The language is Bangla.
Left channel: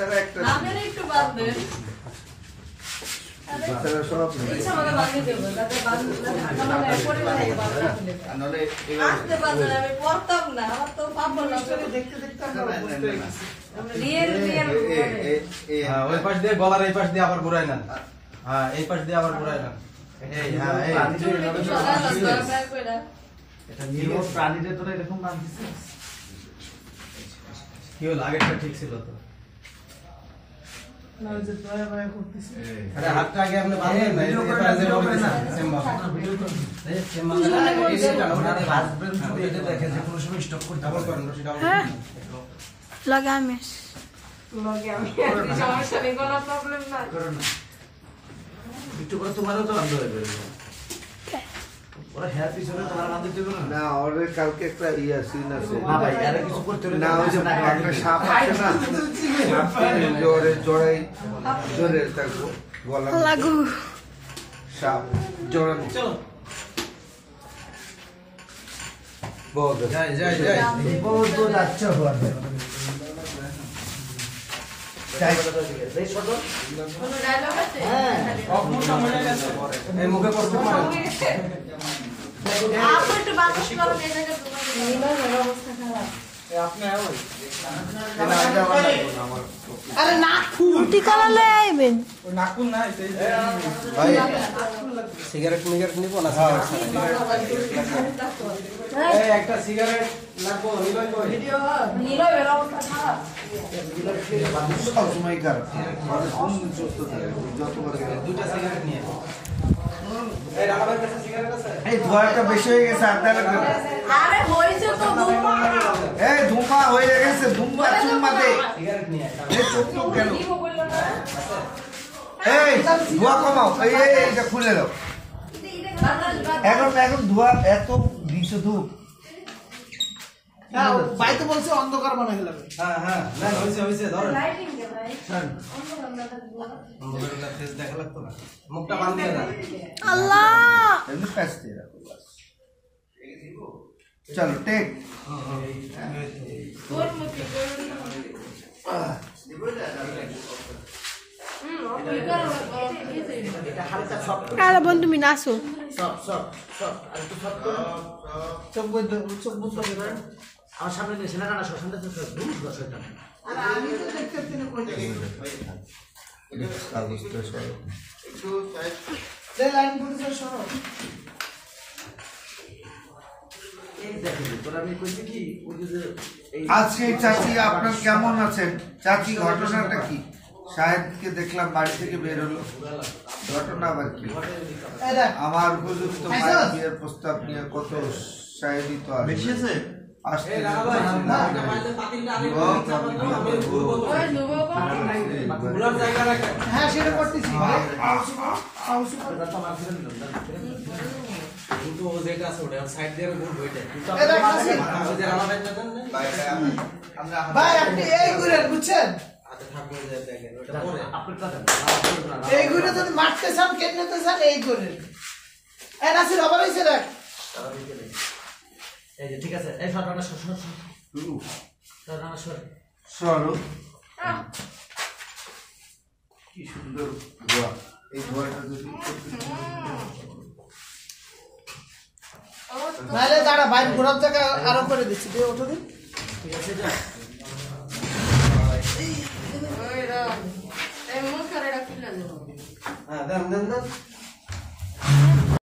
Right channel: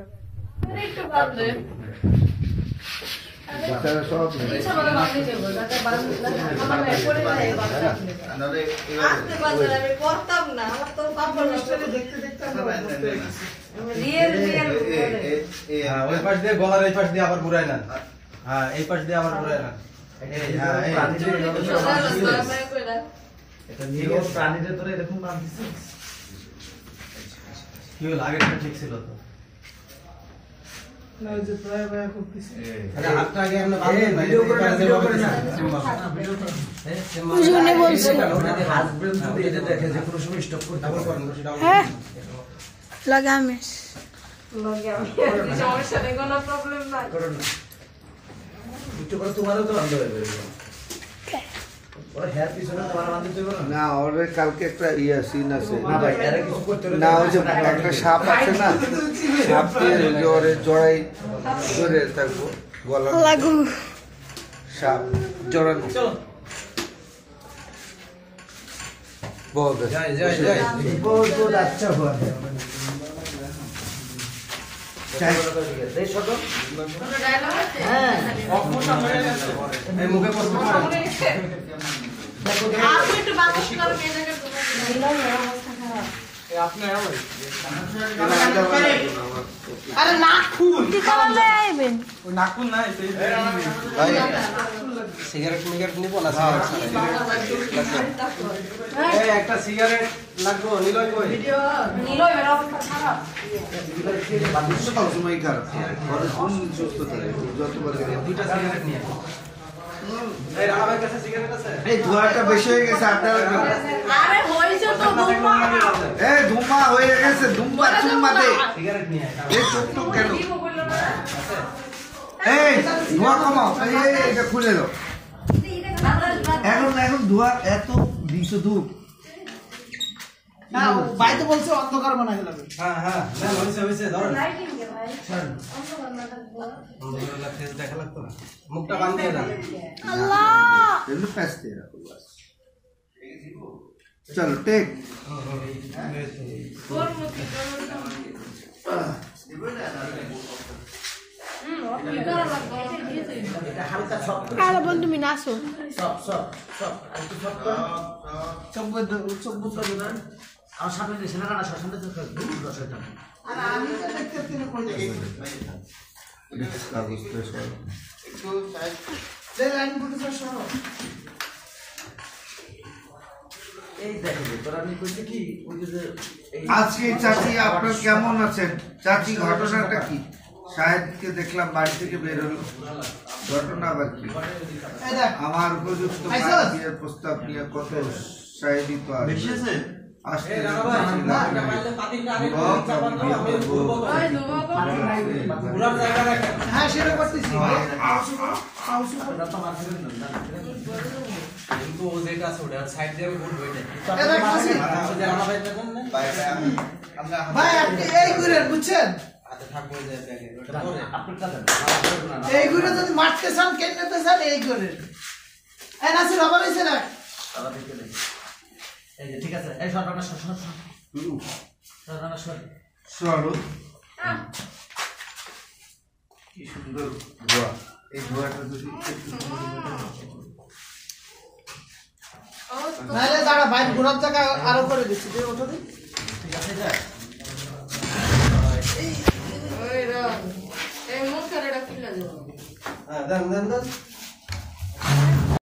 ছাড়া একটা আপনারা একটু বাঁধবেন বাচ্চারা সব ইচ্ছা করে বাঁধিয়ে দেবো যাতে ঢাকা পরে না এই বাঁধা নাহলে আস্তে বাঁধলে আমি করতাম না আমার তো পাপড় দেখতে দেখতে আমরা বুঝতে গেছি রিয়েল হ্যাঁ ওই পাশ দিয়ে গলার এই পাশ দিয়ে আবার ঘুরাই না হ্যাঁ এই পাশ দিয়ে আবার ঘুরাই না এই হ্যাঁ এই এটা নিরব প্রাণীদের তোরা এরকম কাম দিছিস কি হলো আগেটা ঠিক ছিল তো না ওই যে প্রায় প্রায় করতেছি আরে হাতটা আগে আপনি বাঁধেন না ভিডিও করে না ভিডিও করে না ভিডিও করে বুঝুনে বলছি হাজবেন্ড যদি এটা দেখে যে পুরুষ স্টপ করতে ডাবল করেন রশি ডাবল হ্যাঁ লাগামেশ সমস্যা নেই কোনো প্রবলেম নাই একটু করে তোমারও তো বান্ধব হয়ে যাবে ওরা হেয়ার পিছনে তোমার বান্ধব দেবে না না ওরে কালকে একটা সিন আছে না ভাই এর কিছু করতে হবে না ওই যে একটা সাপ আছে না সাপকে জোরে জড়াই জোরে থাকবো গলা লাগু সাপ জড়ানো চলো বহুত যাই যাই যাই বহুত বহুত আচ্ছা हुआ है এই শত ডায়লগ আছে হ্যাঁ এই মুখে পড়তে পারেন আপনি একটু বাতাস করো এই জায়গায় তোমার অবস্থা খারাপ আরে না ফুল ঠিকানা নেবেন ওই নাকুল না এই সিগারেট মিগারেট নিব না এই একটা সিগারেট লাগবো নিলই কই নীলো এর অবস্থা খারাপ সব সময় খারাপ ঘরে কোন সুস্থ থাকে যতবার দুইটা সিগারেট নিয়ে এই রানা ভাই কাছে সিগারেট আছে এই ধোঁয়াটা বেশি হয়ে গেছে আপনারা আরে হইছে তো ধুমা এই ধুমা হয়ে গেছে ধুমা চুম্মা দে সিগারেট নিয়ে এই চোখ টোক কেন দিব বললো না এই ধোঁয়া কমাও এই এটা খুলে দাও এখন ধোঁয়া এত বিশুদ্ধ হ্যাঁ বাইতে বলছে অন্ধকার মনে হলো হ্যাঁ হ্যাঁ না হইছে হইছে ধরেন লাইটিং কে ভাই অন্য বন্ধ থাকবো আমাদের ফেস দেখা লাগতো না মুখটা বান দিয়ে না আল্লাহ এমনি প্যাচ দিয়ে রাখো বাস চলো টেক কোন মুখে হালকা সব কারা বন্ধু তুমি নাচো সব সব সব আর একটু সব করো চোখ বন্ধ দেবেন আমার সামনে এসে না না সামনে তো দূর রসটা আর আমি তো দেখতে তিনি কই কাগজটা সরো যে লাইন গুলো সরো এই দেখেন তোরা আমি কইছি কি ওই যে এই আজকে চাচি আপনার কেমন আছেন চাচি ঘটনাটা কি শাহেদকে দেখলাম বাড়ি থেকে বের হলো ঘটনা আবার কি এই দেখ আমার উপযুক্ত বিয়ের প্রস্তাব নিয়ে কত শাহেদি তো বেশিছে আসতে এই রানা ভাই না পাইলে পাতিলটা আরে আমি ঘুরবো তো ওই ধুমা ঘুরার জায়গা রাখেন হ্যাঁ সেটা করতেছি কিন্তু ও যেটা আছে ওটা সাইড দিয়ে ঘুরবো এটা এই দেখ আসি যে রানা ভাই দেখেন না ভাই আপনি এই ঘুরেন বুঝছেন আচ্ছা থাকবে যে দেখেন ওটা পরে আপনারটা দেন এই ঘুরে যদি মারতে চান কেনতে চান এই ঘুরেন এই নাসির আবার এসে রাখ এই যে ঠিক আছে এই সরকার সর সরো কি সুন্দর ধোয়া এই ধোয়াটা যদি নাহলে যারা ভাই ঘোরার জায়গা আরো করে দিচ্ছি ঠিক আছে যা ওই রা এই মুখ করে রাখিলা দেব হ্যাঁ দেন দেন দেন